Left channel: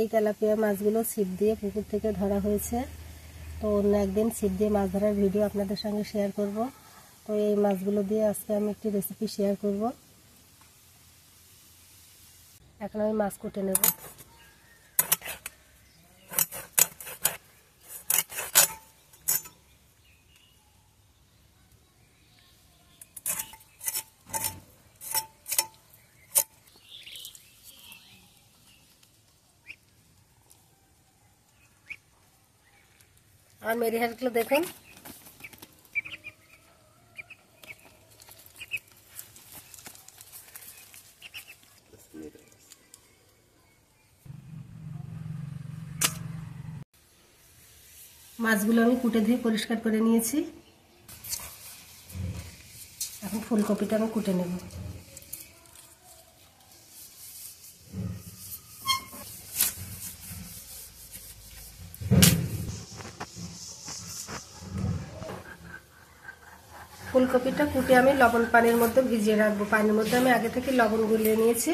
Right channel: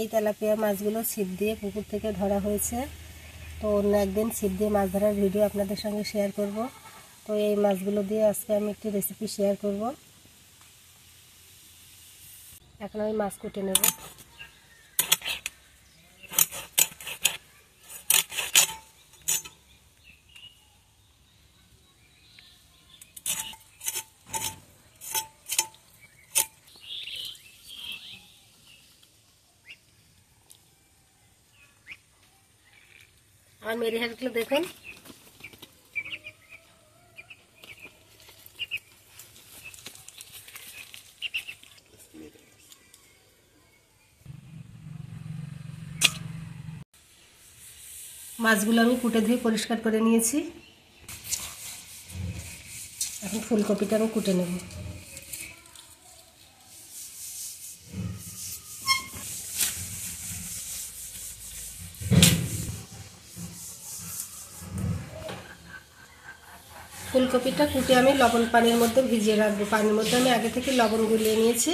এই তেলাপিয়া মাছগুলো ছিপ দিয়ে পুকুর থেকে ধরা হয়েছে। তো অন্য একদিন ছিপ দিয়ে মাছ ধরার ভিডিও আপনাদের সঙ্গে শেয়ার করব। তো এই মাছগুলো দিয়ে আজকে আমি একটি রেসিপি শেয়ার করব। এখন আমি মাছ কুটে নেব। আর মেরি হাঁসগুলো দেখুন, মাছগুলো আমি কুটে ধুয়ে পরিষ্কার করে নিয়েছি। এখন ফুলকপিটা আমি কুটে নেব। ফুলকপিটা কুটে আমি লবণ পানির মধ্যে ভিজিয়ে রাখবো। পানির মধ্যে আমি আগে থেকে লবণ গুলিয়ে নিয়েছি,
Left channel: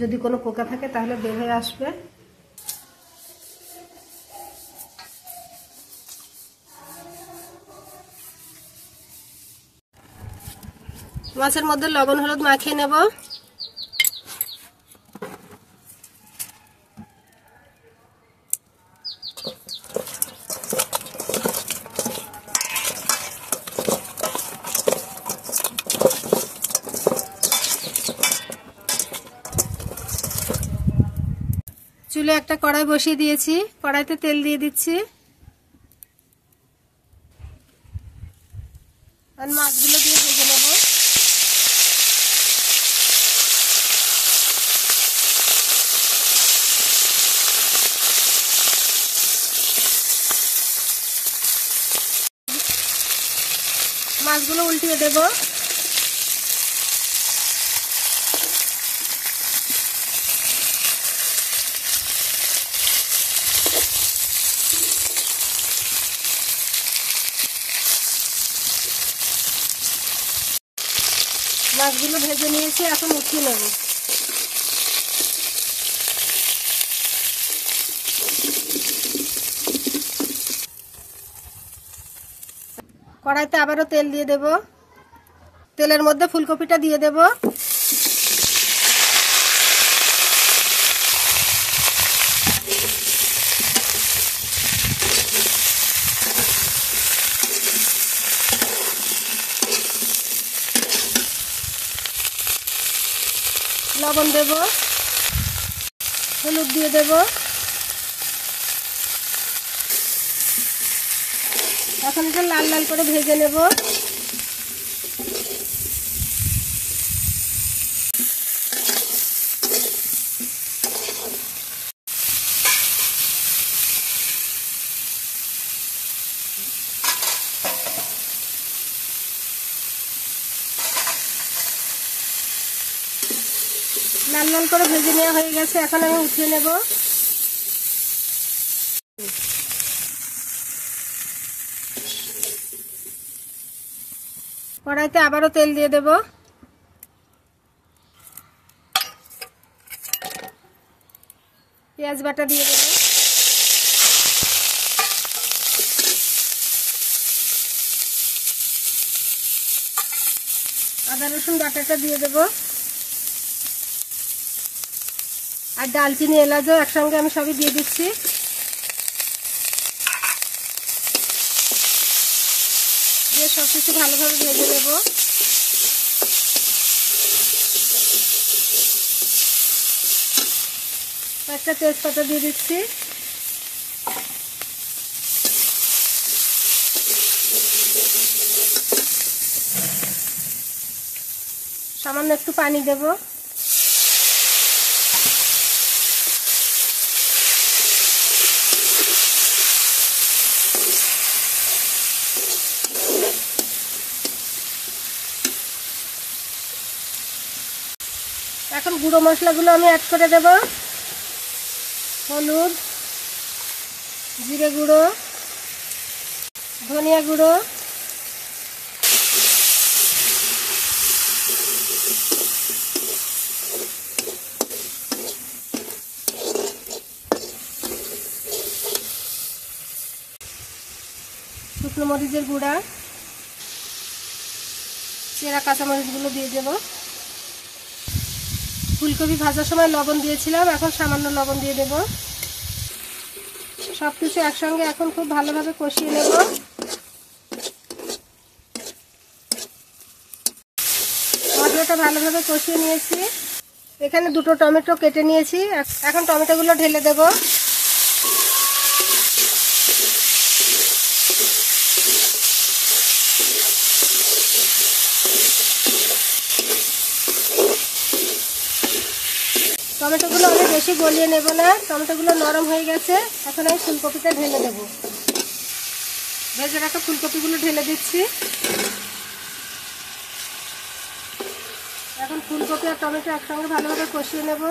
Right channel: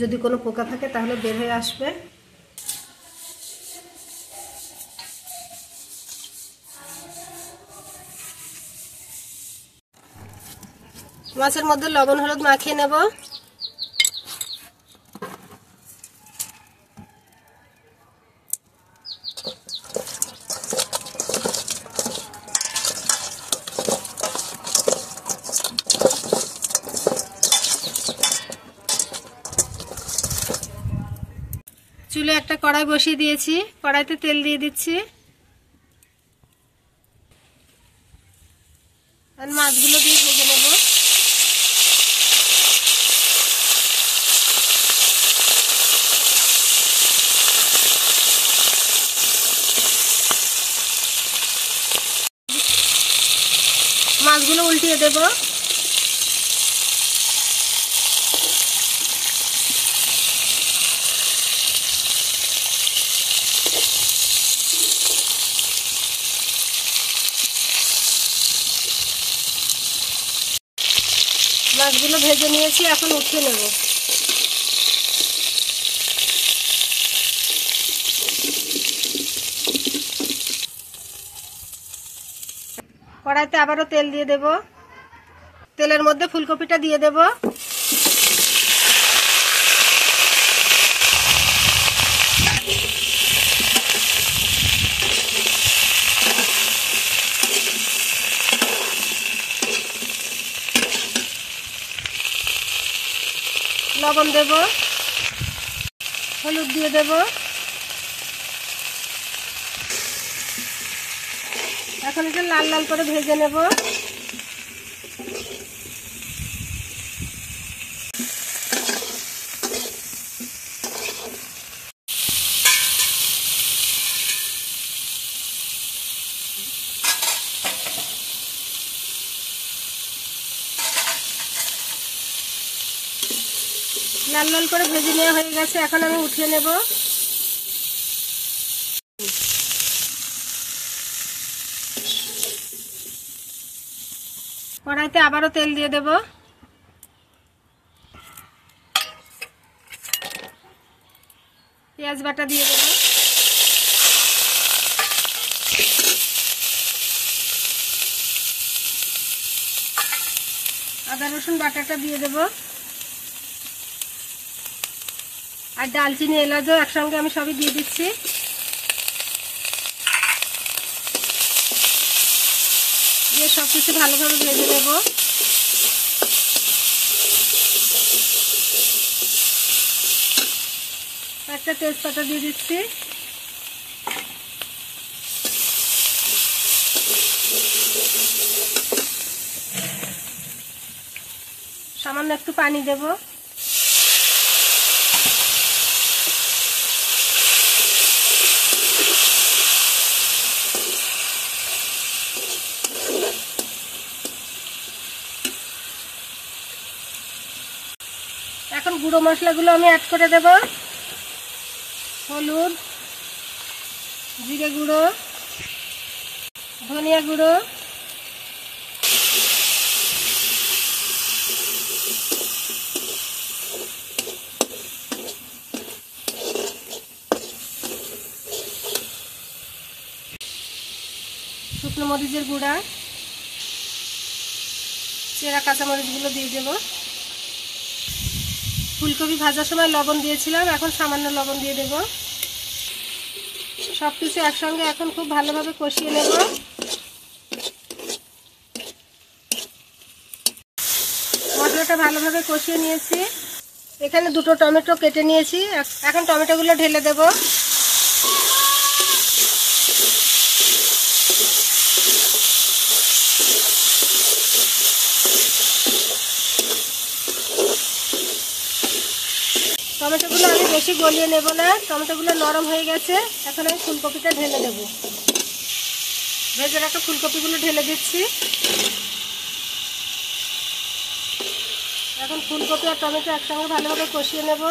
যদি কোনো পোকা থাকে তাহলে বের হয়ে আসবে। মাছের মধ্যে লবণ হলুদ মাখিয়ে নেব। চুলে একটা কড়াই বসিয়ে দিয়েছি, কড়াইতে তেল দিয়ে দিচ্ছি আর মাছগুলো দিয়ে ভেজে নেব। মাছগুলো উল্টিয়ে দেব। মাছগুলো ভেজে নিয়েছি, এখন উঠিয়ে নেব। কড়াইতে আবারও তেল দিয়ে দেব। তেলের মধ্যে ফুলকপিটা দিয়ে দেব। লবণ দেব, হলুদ দিয়ে দেব। এখন এটা লাল লাল করে ভেজে নেব। লাল লাল করে ভেজে নেওয়া হয়ে গেছে, এখন আমি উঠিয়ে নেব। কড়াইতে আবারও তেল দিয়ে দেব। পেঁয়াজ বাটা দিয়ে দেব। আদা রসুন বাটাটা দিয়ে দেব। আর ডালচিনি এলাচও একসঙ্গে আমি সবই দিয়ে দিচ্ছি। দিয়ে সবকিছু ভালোভাবে ভেজে নেব। একটা তেজপাতা দিয়ে দিচ্ছি। সামান্য একটু পানি দেব। এখন গুঁড়ো মশলাগুলো আমি অ্যাড করে দেব। হলুদ, জিরে গুঁড়ো, ধনিয়া গুঁড়ো, শুকনো মরিচের গুঁড়া, চেরা কাঁচামরিচগুলো দিয়ে দেব। ফুলকপি ভাজার সময় লবণ দিয়েছিলাম, এখন সামান্য লবণ দিয়ে দেব। সব কিছু একসঙ্গে এখন খুব ভালোভাবে কষিয়ে নেব। মশলাটা ভালোভাবে কষিয়ে নিয়েছি। এখানে দুটো টমেটো কেটে নিয়েছি, এখন টমেটোগুলো ঢেলে দেব। টমেটোগুলো আমি বেশি গলিয়ে নেব না, টমেটোগুলো নরম হয়ে গেছে। এখন আমি ফুলকপিটা ঢেলে দেব। ভেজে রাখা ফুলকপিগুলো ঢেলে দিচ্ছি। এখন ফুলকপি আর টমেটো একসঙ্গে ভালোভাবে কষিয়ে নেব।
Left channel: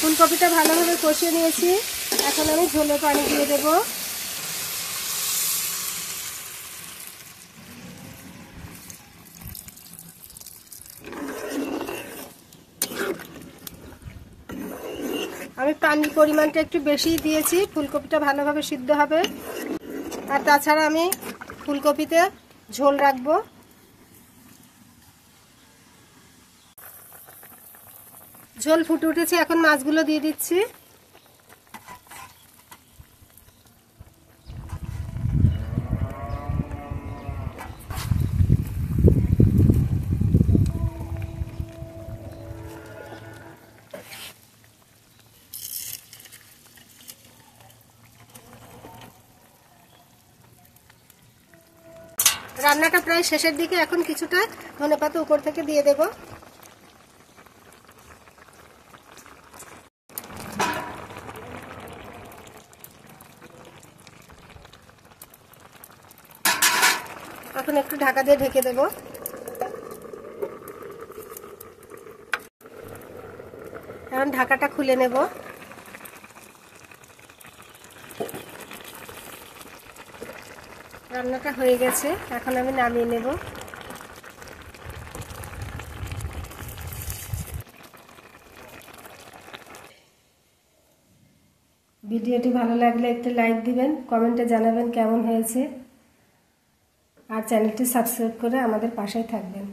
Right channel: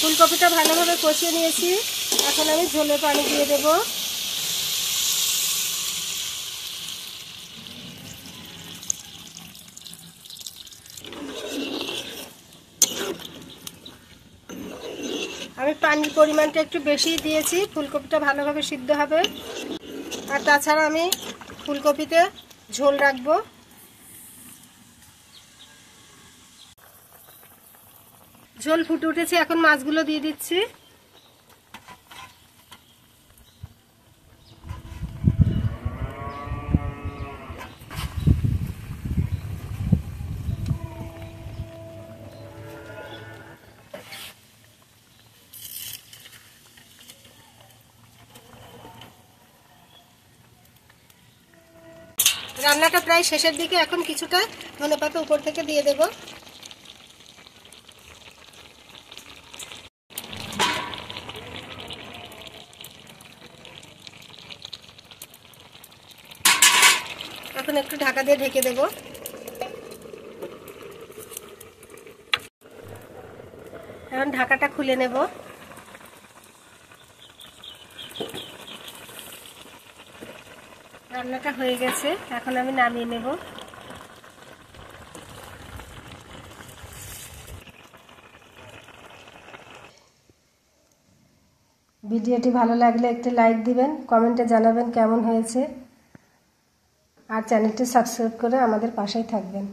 ফুলকপিটা ভালোভাবে কষিয়ে নিয়েছি, এখন আমি ঝোলের পানি দিয়ে দেব। আমি পানির পরিমাণটা একটু বেশি দিয়েছি, ফুলকপিটা ভালোভাবে সিদ্ধ হবে। আর তাছাড়া আমি ফুলকপিতে ঝোল রাখবো। ঝোল ফুটে উঠেছে, এখন মাছগুলো দিয়ে দিচ্ছি। রান্নাটা প্রায় শেষের দিকে, এখন কিছুটা ধনেপাতা উপর থেকে দিয়ে দেব। এখন একটু ঢাকা দিয়ে ঢেকে দেব। এখন ঢাকাটা খুলে নেব। রান্নাটা হয়ে গেছে, এখন আমি নামিয়ে নেব। ভিডিওটি ভালো লাগলে একটি লাইক দিবেন, কমেন্টে জানাবেন কেমন হয়েছে, আর চ্যানেলটি সাবস্ক্রাইব করে আমাদের পাশেই থাকবেন।